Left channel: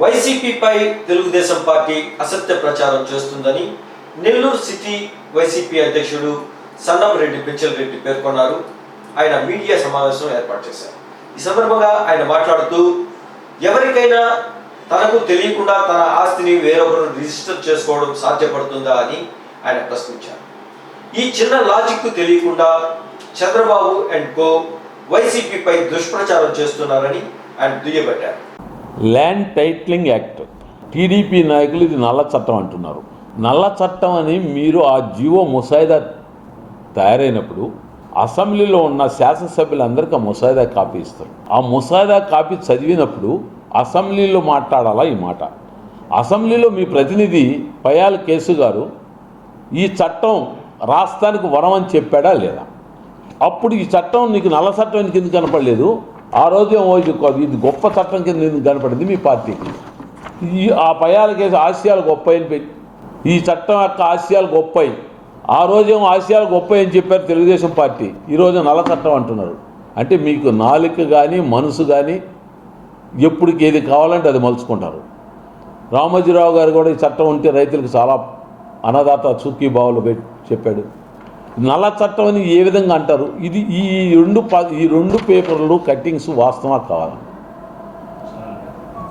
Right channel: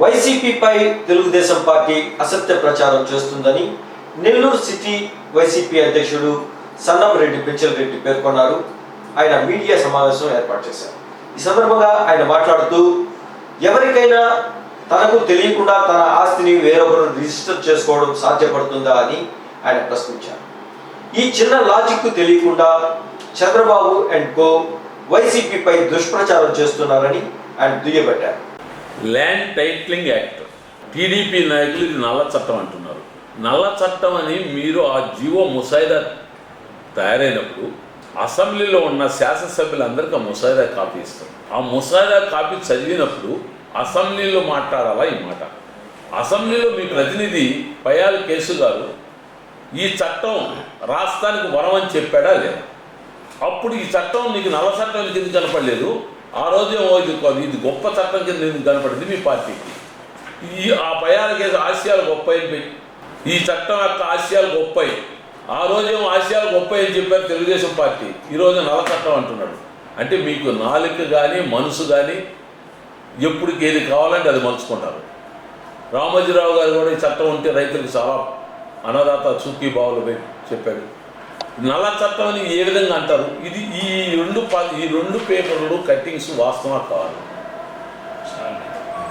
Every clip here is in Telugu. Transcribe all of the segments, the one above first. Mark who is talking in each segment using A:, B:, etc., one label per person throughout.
A: వైసీపీపై తెలుగుదేశం పార్టీ అసత్య ప్రచారం చేస్తుందని నెల్లూరు సిటీ వైసీపీ అధ్యక్షుడు సన్నపరెడ్డి పెంచల్ రెడ్డి పేర్కొన్నారు. ఆయన మీడియా సమావేశం ఏర్పాటు చేశారు. ఈ సందర్భంగా ఆయన మాట్లాడుతూ ఎవరికైనా తనకు తెలియకుండా తన ఆస్తిని వేరొకరు రిజిస్టర్ చేసుకోవడం సాధ్యపడుతుందా? అని ఆయన ప్రశ్నించారు. ఈ చిన్న లాజిక్ తెలియకుండా చంద్రబాబు అండ్ కో వైసీపీపై దుష్ప్రచారం చేస్తున్నారని ఆయన దుయ్యబట్టారు.
B: Land titling act. టీడీపీ నాయకులు ఇది నల్ల చట్టం అంటున్నారు. నల్ల చట్టం అని మీరు ఆ జీవో ముసాయిదా తయారైనప్పుడు అసెంబ్లీలో ఉన్న శాసనసభ్యులందరికీ ఆ ముసాయిదా కాపీ ఇస్తారు. ఆ ముసాయిదా కాపీ చదివినప్పుడు అసెంబ్లీలో మాట్లాడాలా ఈ మాట? అసెంబ్లీలో మీ ప్రతినిధి పయాల్ కేసు గారు ఈ చట్టం రాష్ట్రానికి వరం అని చెప్పాడా లేదా? అప్పుడు ఈ చట్టం నీకు నల్ల చట్టం ఎందుకు కనపడలేదు? ఆ రోజు ఏమో ఇది గొప్ప చట్టం కింద కనపడింది మీ పార్టీకి ఈ ఆ పయాల కేసు ఆశయాలు గొప్ప ఈ చట్టం యొక్క ఆశయాలు గొప్పవి ఆ రోజేమో ఆశయాలు గొప్ప అని చెప్పారు తెలుగుదేశం పార్టీ. ఈరోజు నల్ల చట్టం అంటున్నాడు. అంటే మీకు నాలుక కానీ మనసు కానీ ఎప్పటికి ఏది కావాలంటే అది మలుచుకుంటారు. రామోజీరావు గారు కూడా ఈ చట్టం ఉంటే రైతులకు చాలా అన్నదాత చూకీ బావులు పెట్టి చెప్పాడు. నల్ల చట్టం ఏ విధంగా అంటారు? ఇది ఈ రెండు ప- ఈ రెండు పేపర్లు కట్టింగ్స్ వాస్తవా కావాలి.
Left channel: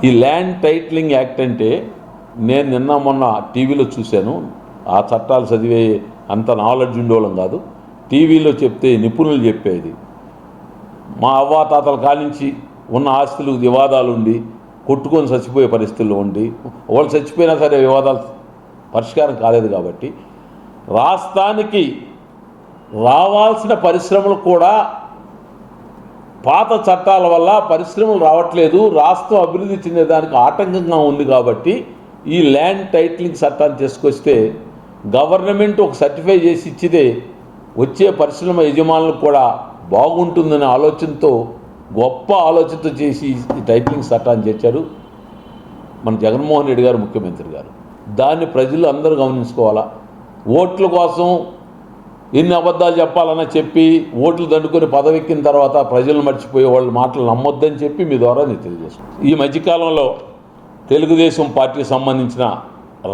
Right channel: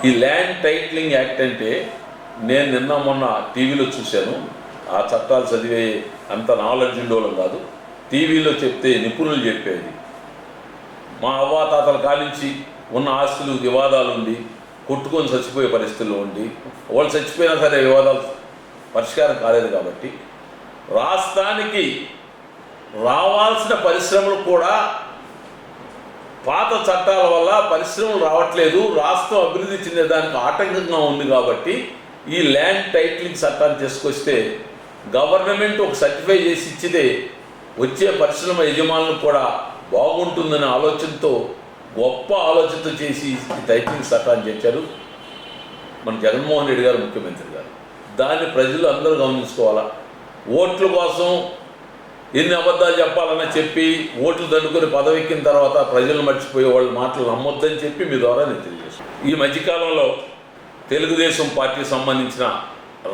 B: ఈ ల్యాండ్ టైట్లింగ్ యాక్ట్ అంటే నేను నిన్న మొన్న టీవీలో చూశాను. ఆ చట్టాలు చదివే అంత నాలెడ్జ్ ఉండేవాళ్ళం కాదు. టీవీలో చెప్తే నిపుణులు చెప్పేది. మా అవ్వాతాతల కానించి ఉన్న ఆస్తులు వివాదాలు ఉండి కొట్టుకొని చచ్చిపోయే పరిస్థితుల్లో ఉండి వాళ్ళు చచ్చిపోయినా సరే వివాదాలు పరిష్కారం కాలేదు కాబట్టి రాష్ట్రానికి రావాల్సిన పరిశ్రమలు కూడా పాత చట్టాల వల్ల పరిశ్రమలు రావట్లేదు. రాష్ట్రం అభివృద్ధి చెందేదానికి ఆటంకంగా ఉంది కాబట్టి ఈ ల్యాండ్ టైటిలింగ్ చట్టాన్ని తీసుకొస్తే గవర్నమెంట్ ఒక సర్టిఫై చేసి ఇచ్చితే వచ్చే పరిశ్రమ యజమానులకు కూడా బాగుంటుందనే ఆలోచనతో గొప్ప ఆలోచనతో చేసి టైటిలింగ్ చట్టాన్ని చేశారు మన జగన్మోహన్ రెడ్డి గారు ముఖ్యమంత్రి గారు. దాన్ని ప్రజలు అందరూ గమనించుకోవాలా? ఓట్ల కోసం ఎన్ని అబద్ధాలు చెప్పాలన్నా చెప్పి ఓట్లు దండుకొని పదవెక్కిన తర్వాత ప్రజలు మర్చిపోయే వాళ్ళ మాటలు నమ్మొద్దని చెప్పి మీ ద్వారా నేను తెలియజేస్తాను ఈ మధ్యకాలంలో తెలుగుదేశం పార్టీకి సంబంధించిన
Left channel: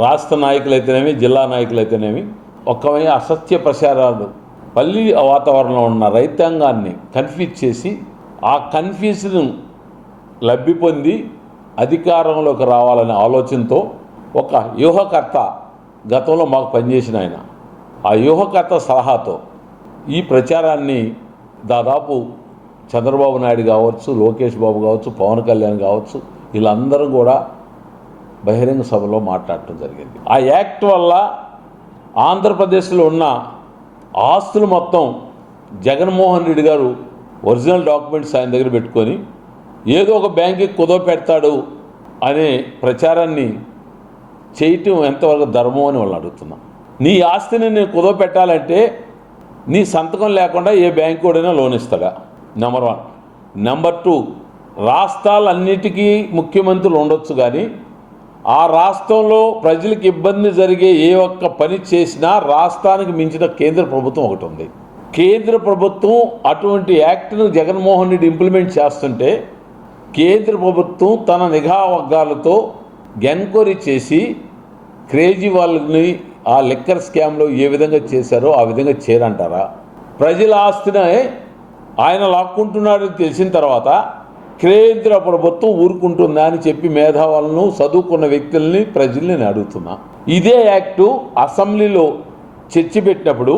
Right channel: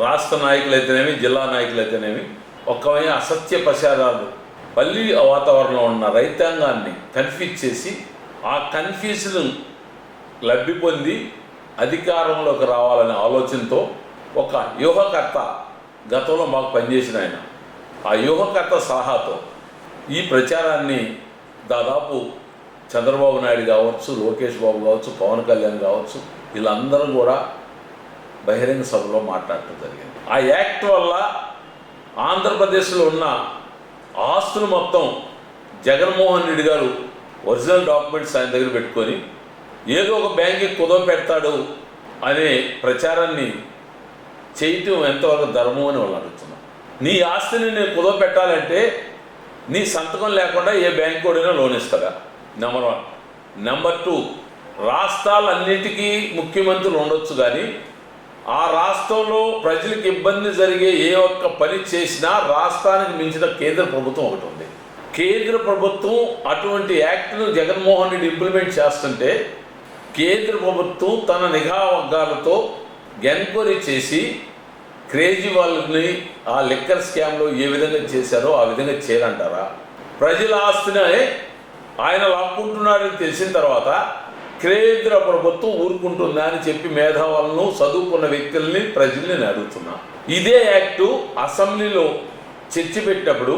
B: రాష్ట్ర నాయకులైతేనేమి జిల్లా నాయకులైతేనేమి ఒక్కమైన అసత్య ప్రచారాలు పల్లి వాతావరణంలో ఉన్న రైతాంగాన్ని కన్ఫ్యూజ్ చేసి ఆ కన్ఫ్యూజన్ లబ్ధి పొంది అధికారంలోకి రావాలనే ఆలోచనతో ఒక వ్యూహకర్త గతంలో మాకు పనిచేసిన ఆయన. ఆ వ్యూహకర్త సలహాతో ఈ ప్రచారాన్ని దాదాపు చంద్రబాబు నాయుడు కావచ్చు లోకేష్ బాబు కావచ్చు పవన్ కళ్యాణ్ కావచ్చు వీళ్ళందరూ కూడా బహిరంగ సభలో మాట్లాడటం జరిగింది. ఆ యాక్ట్ వల్ల ఆంధ్రప్రదేశ్లో ఉన్న ఆస్తులు మొత్తం జగన్మోహన్ రెడ్డి గారు ఒరిజినల్ డాక్యుమెంట్స్ ఆయన దగ్గర పెట్టుకొని ఏదో ఒక బ్యాంక్కి కుదవ పెడతాడు అనే ప్రచారాన్ని చేయటం ఎంతవరకు ధర్మం అని వాళ్ళు అడుగుతున్నా. నీ ఆస్తిని నేను కుదవ పెట్టాలంటే నీ సంతకం లేకుండా ఏ బ్యాంక్ కూడా లోన్ ఇస్తాడా? నెంబర్ వన్ నెంబర్ టూ రాష్ట్రాలన్నిటికీ ముఖ్యమంత్రులు ఉండొచ్చు కానీ ఆ రాష్ట్రంలో ప్రజలకు ఇబ్బంది జరిగే ఏ ఒక్క పని చేసినా రాష్ట్రానికి మించిన కేంద్ర ప్రభుత్వం ఒకటి ఉంది. కేంద్ర ప్రభుత్వం అటువంటి యాక్ట్ను జగన్మోహన్ రెడ్డి ఇంప్లిమెంట్ చేస్తుంటే కేంద్ర ప్రభుత్వం తన నిఘా వర్గాలతో ఎన్క్వైరీ చేసి క్రేజీ వాళ్ళని ఆ లిక్కర్ స్కామ్లో ఏ విధంగా చేశారో ఆ విధంగా చేయాలంటారా ప్రజల ఆస్తిని ఆయన లాక్కుంటున్నాడని తెలిసిన తర్వాత కేంద్ర ప్రభుత్వం ఊరుకుంటుందా అని చెప్పి మేధావులను చదువుకున్న వ్యక్తుల్ని ప్రజల్ని నేను అడుగుతున్నా. ఇదే యాక్టు అసెంబ్లీలో చర్చ పెట్టినప్పుడు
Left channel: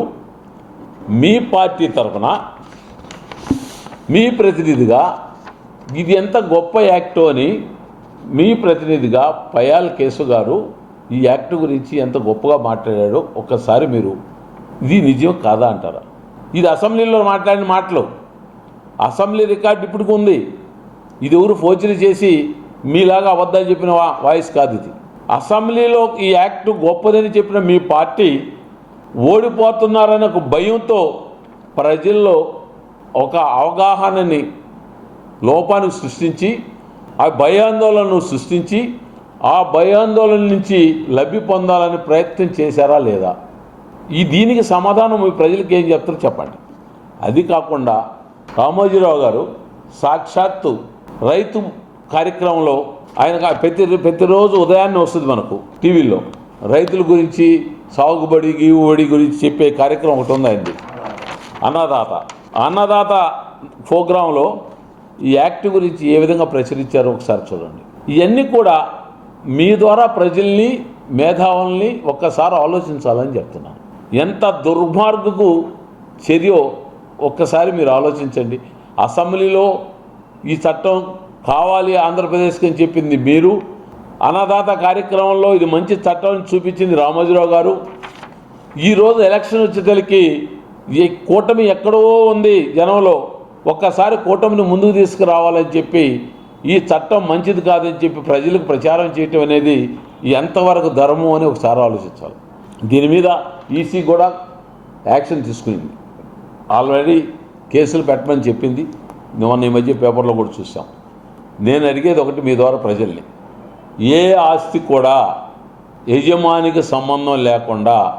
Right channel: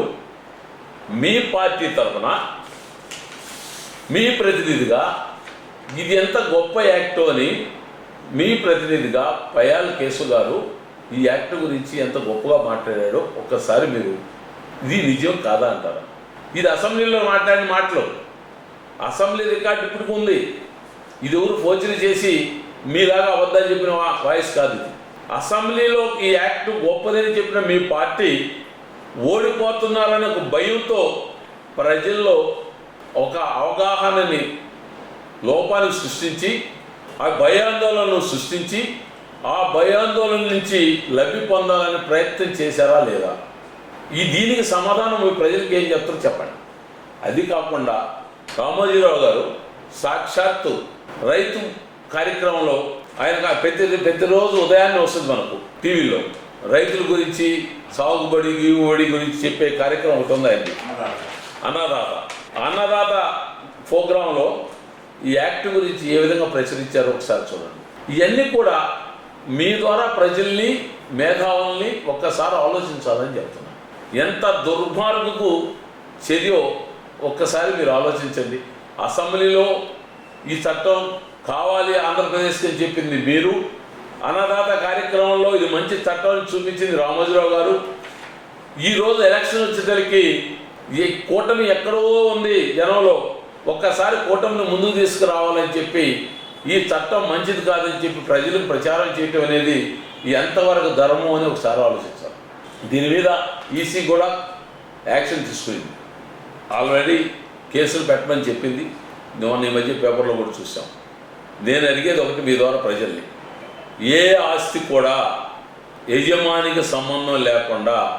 B: మీ పార్టీ తరఫున మీ ప్రతినిధిగా ఇది ఎంత గొప్ప యాక్టు అని మీ ప్రతినిధిగా పయాల్ కేసు గారు ఈ యాక్ట్ గురించి ఎంత గొప్పగా మాట్లాడాడో ఒక్కసారి మీరు ఇది నిజం కాదా అంటారా. ఇది అసెంబ్లీలో మాట్లాడిన మాటలు. అసెంబ్లీ రికార్డు ఇప్పటికి ఉంది. ఇది ఎవరు ఫోర్జరీ చేసి మీలాగా అబద్ధాలు చెప్పిన వాయిస్ కాదు ఇది. అసెంబ్లీలో ఈ యాక్ట్ గొప్పదని చెప్పిన మీ పార్టీ ఓడిపోతున్నారనే ఒక భయంతో ప్రజల్లో ఒక అవగాహనని లోపాన్ని సృష్టించి ఆ భయాందోళనను సృష్టించి ఆ భయాందోళన నుంచి లబ్ధి పొందాలని ప్రయత్నం చేశారా లేదా? ఈ దీనికి సమాధానం మీ ప్రజలకు ఏం చెప్తారో చెప్పండి. అది కాకుండా కామోజీరావు గారు సాక్షాత్తు రైతు కార్యక్రమంలో ఆయన ప్రతి ప్రతిరోజు ఉదయాన్నే వస్తుంది మనకు టీవీలో. రైతుల గురించి సాగుబడి గీవుబడి గురించి చెప్పే కార్యక్రమం ఒకటి ఉంది ఆయనది. అన్నదాత. అన్నదాత ప్రోగ్రాంలో ఈ యాక్ట్ గురించి ఏ విధంగా ప్రచురించారో ఒకసారి చూడండి. ఇవన్నీ కూడా మీ ద్వారా ప్రజల్ని మేధావుల్ని ఒక్కసారి ఆలోచించాలని చెప్తున్నాను ఎంత దుర్మార్గకు చర్యో ఒక్కసారి మీరు ఆలోచించండి. అసెంబ్లీలో ఈ చట్టం కావాలి ఆంధ్రప్రదేశ్కి అని చెప్పింది మీరు. అన్నదాత కార్యక్రమంలో ఇది మంచి చట్టం చూపించింది రామోజీరావు గారు. ఈరోజు ఎలక్షన్ వచ్చేసరికి ఈ కూటమి ఎక్కడో ఉంది జనంలో. ఒక్కసారి కూటమిని ముందుకు తీసుకురావాలని చెప్పి ఈ చట్టం మంచిది కాదని చెప్పి ప్రజలకు ప్రచారం చేయటం అనేది ఎంతవరకు ధర్మం అని ఒకసారి ఆలోచించాలి. దీని మీద ఈసీ కూడా యాక్షన్ తీసుకునింది ఆల్రెడీ కేసులు పెట్టమని చెప్పింది. మొన్న ఈ మధ్య పేపర్లో కూడా చూసాం. నేను అడిగేది ఒకటి మీ ద్వారా ప్రజల్ని. ఏ ఆస్తి కూడా యజమానికి సంబంధం లేకుండా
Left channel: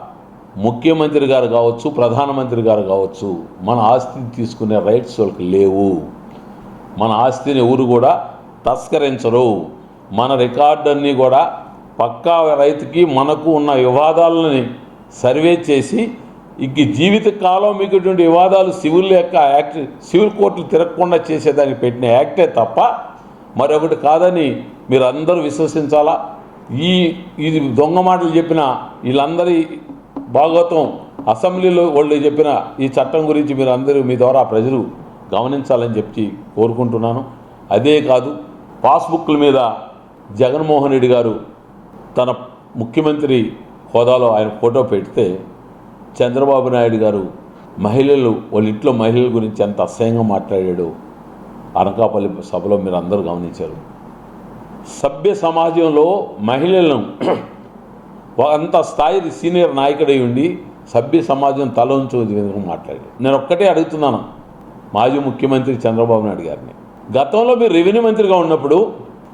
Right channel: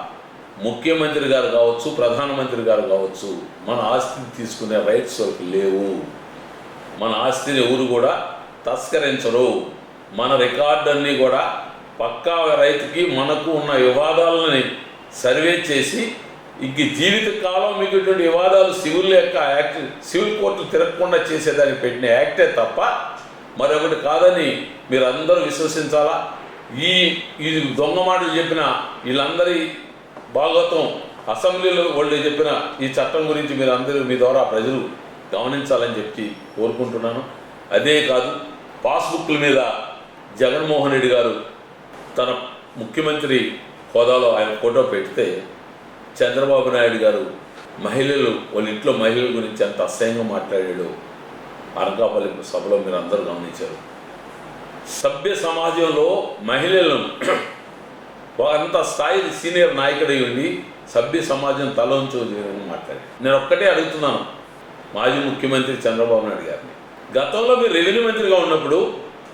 B: ముఖ్యమంత్రి గారు కావచ్చు ప్రధానమంత్రి గారు కావచ్చు మన ఆస్తిని తీసుకునే రైట్స్ వాళ్ళకి లేవు. మన ఆస్తిని ఎవరు కూడా తస్కరించరు. మన రికార్డన్ని కూడా పక్కా రైతుకి మనకు ఉన్న వివాదాలని సర్వే చేసి ఇంక జీవిత కాలం మీకుటువంటి వివాదాలు సివిల్ యొక్క యాక్ట్ సివిల్ కోర్టులు తిరగకుండా చేసేదానికి పెట్టిన యాక్టే తప్ప మరొకటి కాదని మీరు అందరూ విశ్వసించాలా? ఈ ఇది దొంగ మాటలు చెప్పిన వీళ్ళందరి భాగవతం అసెంబ్లీలో వాళ్ళు చెప్పిన ఈ చట్టం గురించి మీరు అందరూ మీ ద్వారా ప్రజలు గమనించాలని చెప్పి కోరుకుంటున్నాను. అదే కాదు పాస్బుక్ల మీద జగన్మోహన్ రెడ్డి గారు తన ముఖ్యమంత్రి హోదాలో ఆయన ఫోటో పెడితే చంద్రబాబు నాయుడు గారు మహిళలు వాళ్ళ ఇంట్లో మహిళల గురించి ఎంత అసహ్యంగా మాట్లాడాడు అనకాపల్లి సభలో మీరు అందరూ గమనించారు. సభ్య సమాజంలో మహిళలను అంత స్థాయి సీనియర్ నాయకుడై ఉండి సభ్య సమాజం తల ఉంచు మాట్లాడాడు. మాట్లాడి నేను ఒక్కటే అడుగుతున్నాను మాజీ ముఖ్యమంత్రి చంద్రబాబు నాయుడు గారిని. గతంలో మీరు రెవెన్యూ మంత్రిగా ఉన్నప్పుడు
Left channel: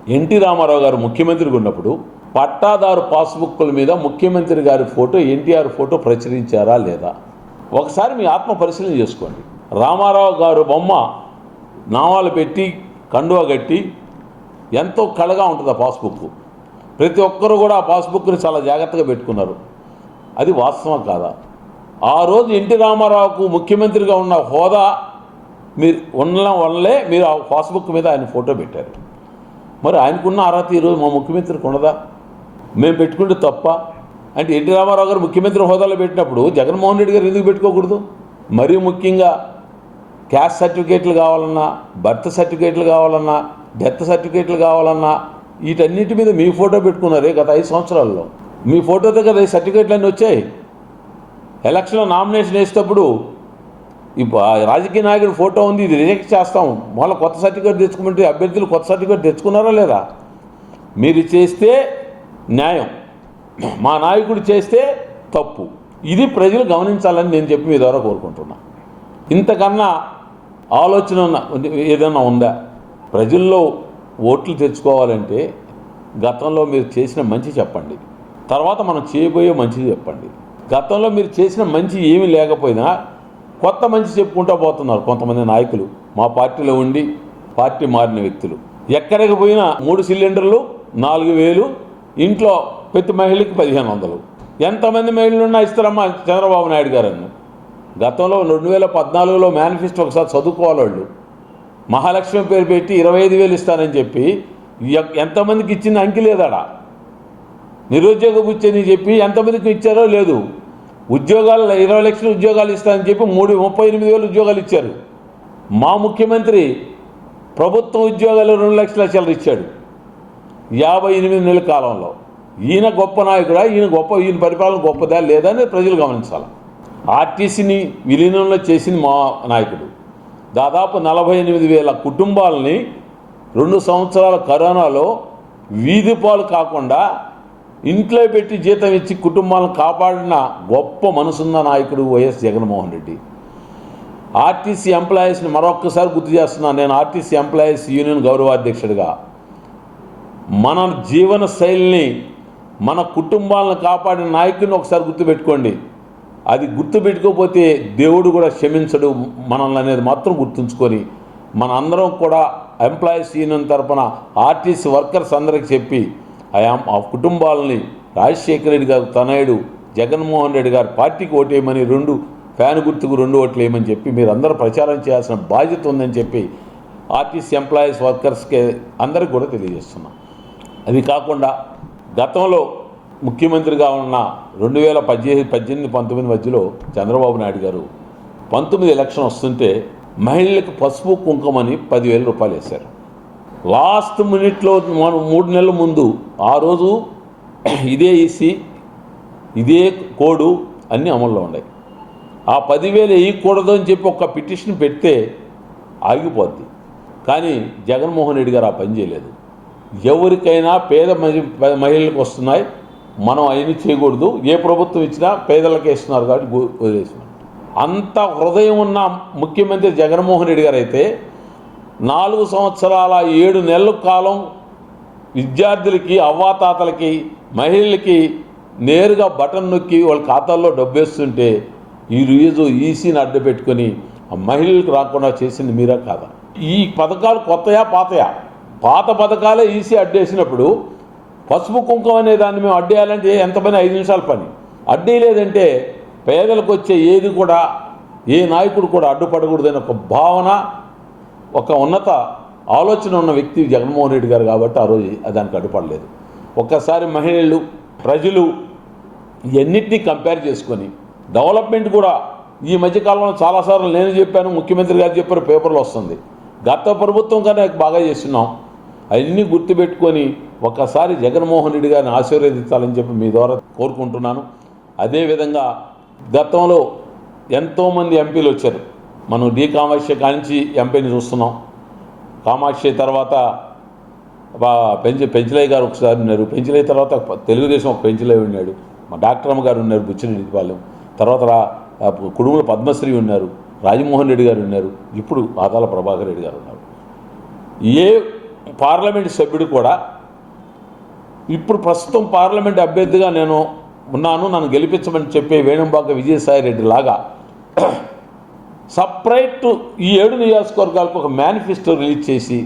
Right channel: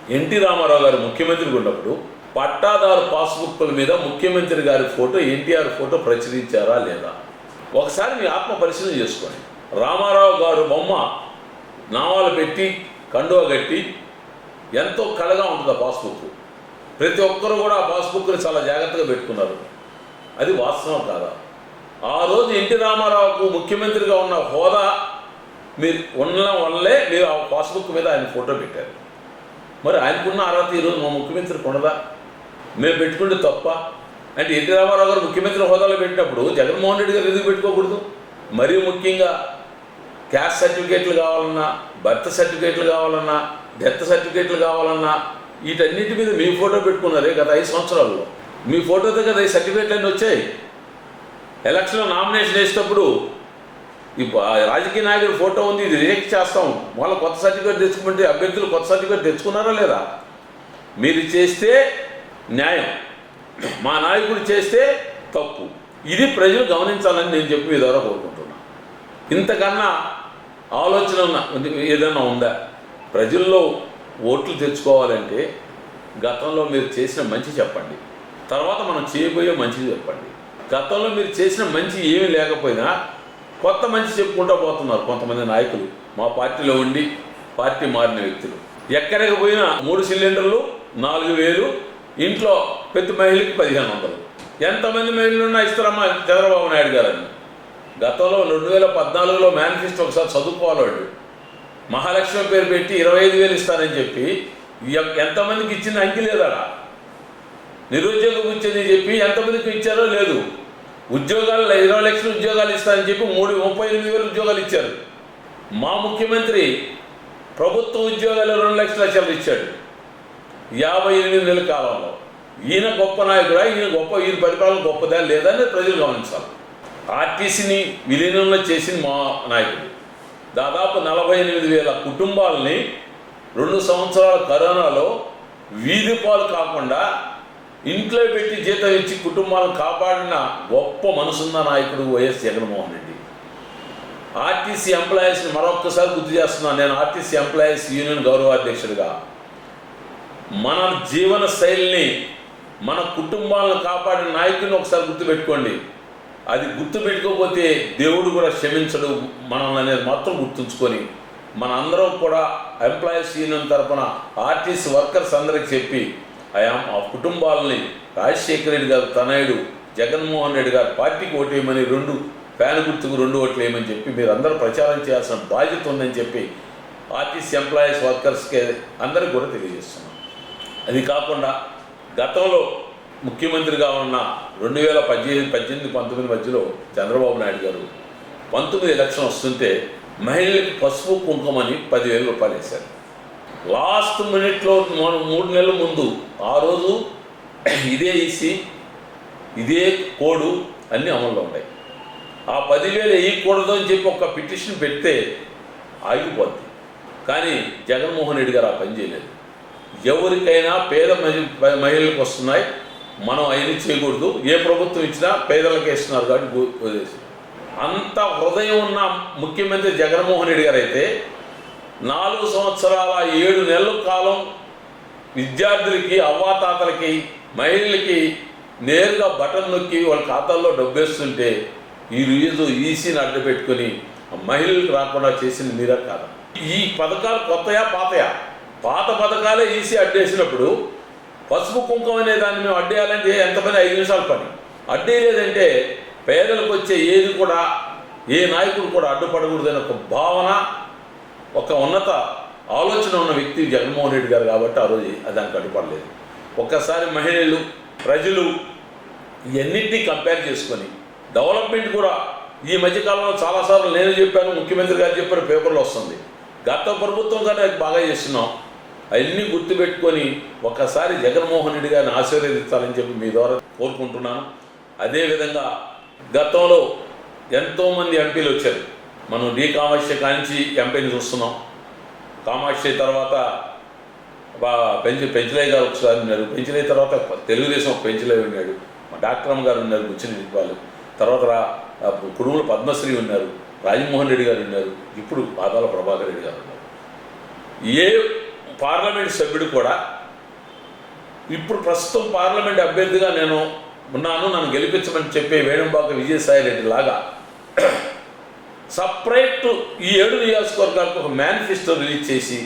B: ఎన్టీ రామారావు గారు ముఖ్యమంత్రిగా ఉన్నప్పుడు పట్టాదారు పాస్బుక్ల మీద ముఖ్యమంత్రి గారి ఫోటో ఎన్టీఆర్ ఫోటో ప్రచురించారా లేదా? ఒకసారి మీ ఆత్మ పరిశీలన చేసుకోండి. రామారావు గారు బొమ్మ నామాలు పెట్టి కండువ కట్టి ఎంతో కళగా ఉంటుంది ఆ పాస్బుక్ ప్రతి ఒక్కరు కూడా ఆ పాస్బుక్ని చాలా జాగ్రత్తగా పెట్టుకున్నారు. అది వాస్తవం కాదా? ఆ రోజు ఎన్టీ రామారావుకు ముఖ్యమంత్రిగా ఉన్న హోదా మీరు ఉండడం వల్లే మీరు ఆ పాస్బుక్ మీద ఆయన ఫోటో పెట్టారు. మరి ఆయనకున్న అర్హత ఈరోజు మా ముఖ్యమంత్రికి ఉండదా మేము పెట్టుకుంటే తప్ప. అంటే ఎన్టీ రామారావు గారు ముఖ్యమంత్రి హోదాలో పెట్టినప్పుడు జగన్మోహన్ రెడ్డి గారు ఎందుకు పెట్టుకోకూడదు? మరీ ముఖ్యంగా క్యాస్ట్ సర్టిఫికేట్లు కావాలన్నా బర్త్ సర్టిఫికేట్లు కావాలన్నా డెత్ సర్టిఫికేట్లు కావాలన్నా వీటన్నిటి మీద మీ ఫోటో పెట్టుకున్నారు గత ఐదు సంవత్సరాల్లో. మీ ఫోటోతో కదా ఈ సర్టిఫికేట్లు అన్నీ వచ్చాయి. ఎలక్షన్లో నామినేషన్ వేసేటప్పుడు రాజకీయ నాయకుడి ఫోటో ఉంది ఇది రిజెక్ట్ చేస్తాం. మళ్ళీ కొత్త సర్టిఫికేట్ తెచ్చుకుంటే అభ్యర్థులు కొత్త సర్టిఫికేట్ తెచ్చుకున్నారా లేదా? మీరు చేస్తే న్యాయం. మా నాయకుడు చేస్తే తప్పు. ఇది ప్రజలు గమనించాలని నేను చెప్పి మీ ద్వారా కోరుకుంటున్నా. ఇంతకన్నా ఆలోచన ఏదైనా ఉందా? ప్రజల్లో ఓట్లు తెచ్చుకోవాలంటే గతంలో మీరు చేసిన మంచి చెప్పండి. తర్వాత మనం చేయబోయే మంచిది చెప్పండి. గతంలో మీరు చేసిన మంచి ఏమీ లేకపోయినా కొత్త మంచి చెప్పుకుంటూ పోతున్నారు కొంతమంది నాయకులు. మా పార్టీలో ఉండి పార్టీ మారిన వ్యక్తులు. ఎక్కడికి పోయినా మూడు సిలిండర్లు నాలుగు వేలు ఇంట్లో ప్రతి మహిళకి పదిహేను వందలు. ఎంతమంది మహిళలు ఉన్నా ఇస్తారమ్మా చంద్రబాబు నాయుడు గారని. గతంలో రెండు వేల పద్నాలుగులో మేనిఫెస్టో ఒకసారి చదువుకోవాలి మహాలక్ష్మి పేరు పెట్టి ఇరవై ఐదు వేలు ఇస్తానని చెప్పి ఎంతమందికి ఇచ్చిన అంకి లేదాడా నిరుద్యోగ కూర్చొని చెప్పి ఎంతమందికి ఇచ్చారో లేదు. ఉద్యోగాలు ఇరవై లక్షల ఉద్యోగాలు ఇస్తానని చెప్పి మూడు ముప్పై ఎనిమిది వేలు ఉద్యోగాలు ఇచ్చారు. మా ముఖ్యమంత్రి ప్రభుత్వ ఉద్యోగాలు రెండు లక్షల లక్షలు ఇచ్చాడు. యాభై ఎనిమిది నెలల కాలంలో. ఈయన గొప్ప నాయకుడా ఈయన గొప్ప ఈయన పరిపాలన గొప్పదా లేదా అని ప్రజలు గమనించాలి. ఆర్టీసీని విలీనంలో చేసింది మా నాయకుడు. దాదాపు నలభై ఎనిమిది వేల కుటుంబాలని రెండు సంవత్సరాల కరోనాలో వీధి పాలు కాకుండా ఇంట్లో పెట్టి జీతం ఇచ్చి కుటుంబాలను కాపాడిన గొప్ప మనసున్న నాయకుడు వైఎస్ జగన్మోహన్ రెడ్డి. ఆర్టీసీ ఎంప్లాయీస్ని మరొక్కసారి గుర్తు చేస్తున్నాను. నేను ఆర్టీసీ ఎంప్లాయీస్ యూనియన్ గౌరవాధ్యక్షుడిగా. మన జీవన శైలిని మన కుటుంబాలను కాపాడిన నాయకుడిని ఒకసారి గుర్తుపెట్టుకోండి. అది గుర్తుపెట్టుకోకపోతే దేవుడు కూడా క్షమించడు మనల్ని అనేది మాత్రం గుర్తుంచుకొని. మన అందరం కూడా ఎంప్లాయీస్ యూనియన్ తరఫున ఆర్టీసీ వర్కర్స్ అందరికి చెప్పి ఆయా ఆ కుటుంబాలని రాజశేఖర రెడ్డి గారు తనయుడు జగన్మోహన్ రెడ్డి గారు పార్టీకి ఓటు వేయమని రెండు ఫ్యాన్ గుర్తుకు రెండు ఓట్లు వేయమని చెప్పి మీరందరూ ప్రచారం చేయాల్సిన బాధ్యత ఉందని చెప్పి ఆర్టీసీ ఎంప్లాయీస్ వర్కర్స్కి అందరికి కూడా తెలియజేస్తున్నాం. అది కాకుండా గతంలో ముఖ్యమంత్రిగా ఉన్న రెండు వేల పద్దెనిమిది పద్దెనిమిది పంతొమ్మిది మధ్యలో చంద్రబాబు నాయుడు గారు పంతొమ్మిది ఎలక్షన్ వస్తుంటే మహిళలకు పసుపు కుంకుమని పదివేల రూపాయలు వేశారు. లాస్ట్ మినిట్లో మనం మూడు నెలల ముందు ఆ రోజు ఇదే ఇసి ఇదే కోడు అన్నీ అమల్లో ఉన్నాయి. ఆ పదివేలు వేయకూడదు అని చెప్పి ఒక పిటిషన్ పెడితే ఆగిపోద్ది. కానీ జగన్మోహన్ రెడ్డి గారు ఆ పని చేయలేదు. ఎవరికైనా పేద మహి- మహిళలకు వస్తున్నాయి. మనం అవన్నీ చేయకూడదు. ఏ ప్రభుత్వం ఇచ్చినా పేదలకే ఇస్తున్నారు కాబట్టి అంత హృదయం ఉన్న ముఖ్యమంత్రి జగన్మోహన్ రెడ్డి గారు అయితే నాలుగు సంవత్సరాల ఏడు నెలల కాలం విద్యార్థులకి అవ్వాతాతలకి మహిళలకి నేరుగా బటన్ నొక్కి వాళ్ళ ఖాతాల్లో డబ్బేస్తుంటే ఈ ఈసీని అడ్డు పెట్టుకొని మహిళలకు రాకుండా చేసింది మీరా కాదా? ఈ పథకాలు కొత్తయా పాతయా? పాత పథకాలే ఈసీ అడ్డేసినప్పుడు పసుపు కుంకుమ అనే దాన్ని మేము అడ్డేయాలంటే ఎంత పని ఐదు నిమిషాల పని. అడ్డీ లేదంటే పేదలకు వచ్చే ఏది కూడా ఏ నాయకుడు కూడా అడ్డుపడకూడదనే ఒక భావన ఒక ఉన్నత ఆలోచన ఉన్న వ్యక్తి జగన్మోహన్ రెడ్డి గారు కాబట్టి ఆ రోజు దానికి అడ్డుపడలేదు. ఒక్కసారి మహిళలు ప్రజలు ఇవన్నిటినీ కంపేర్ చేసుకొని డెవలప్మెంట్ కూడా ఈ మధ్యకాలంలో చాలాసార్లు నేను చెప్పాను ముఖ్యమంత్రి గారు చెప్పారు పేపర్లో వస్తుంది. గత ప్రభుత్వం కన్నా బాగా చేస్తున్నాం. అవన్నీ గుర్తుపెట్టుకొని ఒక్కసారి జగన్మోహన్ రెడ్డి గారిని ఆశీర్వదించాలని చెప్పి మీ ద్వారా కోరుకుంటున్నాను. అదేవిధంగా గతంలో ఎంతోమంది ఎంపీలు వచ్చారు. మనం డి కామాక్షి కానించి ఎంపీని చూస్తున్నాం. కామాక్షి తర్వాత పెంచి పెంచలయ్య గారు ఒకసారి ఉన్నారు. పెంచలయ్య తర్వాత తెలుగుదేశం ఒక పెంచలయ్య ఉన్నాడు. మా డాక్టర్ అమ్మ గారు ఉన్నారు బుచ్చిరెడ్డి వాళ్ళు. తర్వాత రా పద్మశ్రీ ఉన్నారు రాజమోహన్ రెడ్డి గారు ఉన్నారు. ఇప్పుడు పాతాల ప్రభాకర్ రెడ్డి గారు ఉన్నారు. ఏ పార్లమెంట్ సభ్యుడు కూడా ఇప్పుడు ప్రస్తుతం పార్లమెంట్ అభ్యర్థిగా నేను ఉన్నాను నన్ను గెలిపించమని చెప్పే వేణుంబాక విజయసాయి రెడ్డి లాగా సపరేట్ ఈ ఏడు నియోజకవర్గాలకు ఒక మేనిఫెస్టో రిలీజ్ చేసి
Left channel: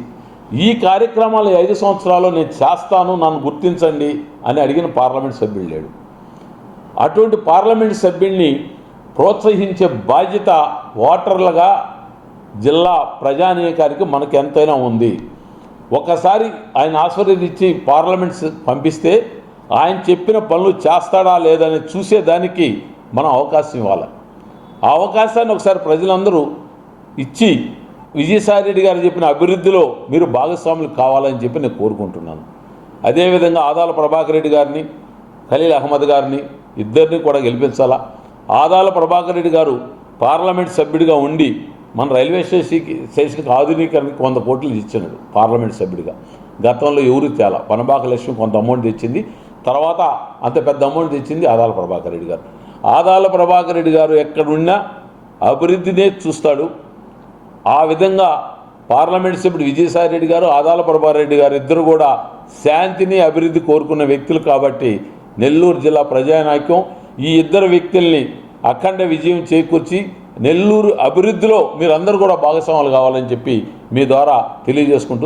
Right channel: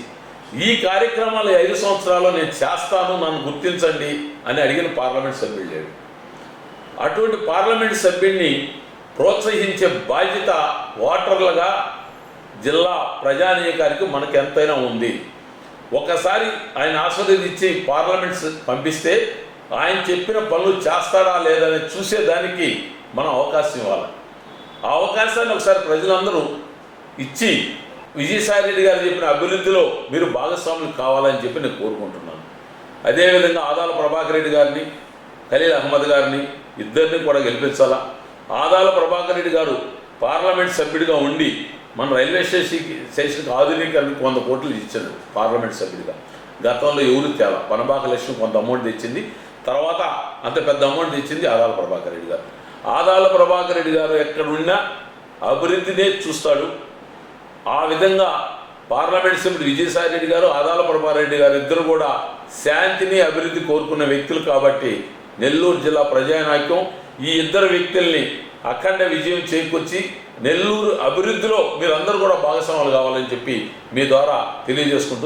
B: ఈ కార్యక్రమాలు ఐదు సంవత్సరాల్లో నేను చేస్తాను నన్ను గుర్తించండి అని అడిగిన పార్లమెంట్ సభ్యుడు లేడు అటువంటి పార్లమెంట్ సభ్యుడిని ప్రోత్సహించే బాధ్యత ఓటర్లుగా జిల్లా ప్రజానీకానికి మనకు ఎంతైనా ఉంది. ఒకసారి ఆయన ఆశీర్వదించి పార్లమెంట్ పంపిస్తే ఆయన చెప్పిన పనులు చేస్తాడా లేదని చూసేదానికి మనం అవకాశం ఇవ్వాలి. ఆ అవకాశాన్ని ఒకసారి ప్రజలందరూ ఇచ్చి విజయసాయి రెడ్డి గారు చెప్పిన అభివృద్ధిలో మీరు భాగస్వాములు కావాలని చెప్పి నేను కోరుకుంటున్నాను. అదేవిధంగా ఆదాల ప్రభాకర్ రెడ్డి గారిని ఖలీల్ అహ్మద్ గారిని ఇద్దరిని కూడా గెలిపించాలా? ఆదాల ప్రభాకర్ రెడ్డి గారు పార్లమెంట్ సభ్యుడిగా ఉండి మన రైల్వే స్టేషన్కి స్టేషన్కి ఆధునీకరణకు వంద కోట్లు ఇచ్చాడు పార్లమెంట్ సభ్యుడిగా. గతంలో ఎవరు తేలా? పనబాక లక్ష్మి కొంత అమౌంట్ తెచ్చింది. తర్వాత అంత పెద్ద అమౌంట్ తెచ్చింది ఆదాల ప్రభాకర్ రెడ్డి గారు. ఆదాల ప్రభాకర్ రెడ్డి గారు ఎక్కడున్నా అభివృద్ధినే చూస్తాడు. ఆ విధంగా పార్లమెంట్ సభ్యుడు విజయసాయి రెడ్డి గారు ఆదాల ప్రభాకర్ రెడ్డి గారు ఇద్దరు కూడా శాంతిని అభివృద్ధి కోరుకున్న వ్యక్తులు కాబట్టి నెల్లూరు జిల్లా ప్రజానాయకం ఈ ఇద్దరు వ్యక్తుల్ని అఖండ విజయం చేకూర్చి నెల్లూరు అభివృద్ధిలో మీరందరూ కూడా భాగస్వాములు కావాలని చెప్పి మీ ద్వారా తెలియజేసుకుంటూ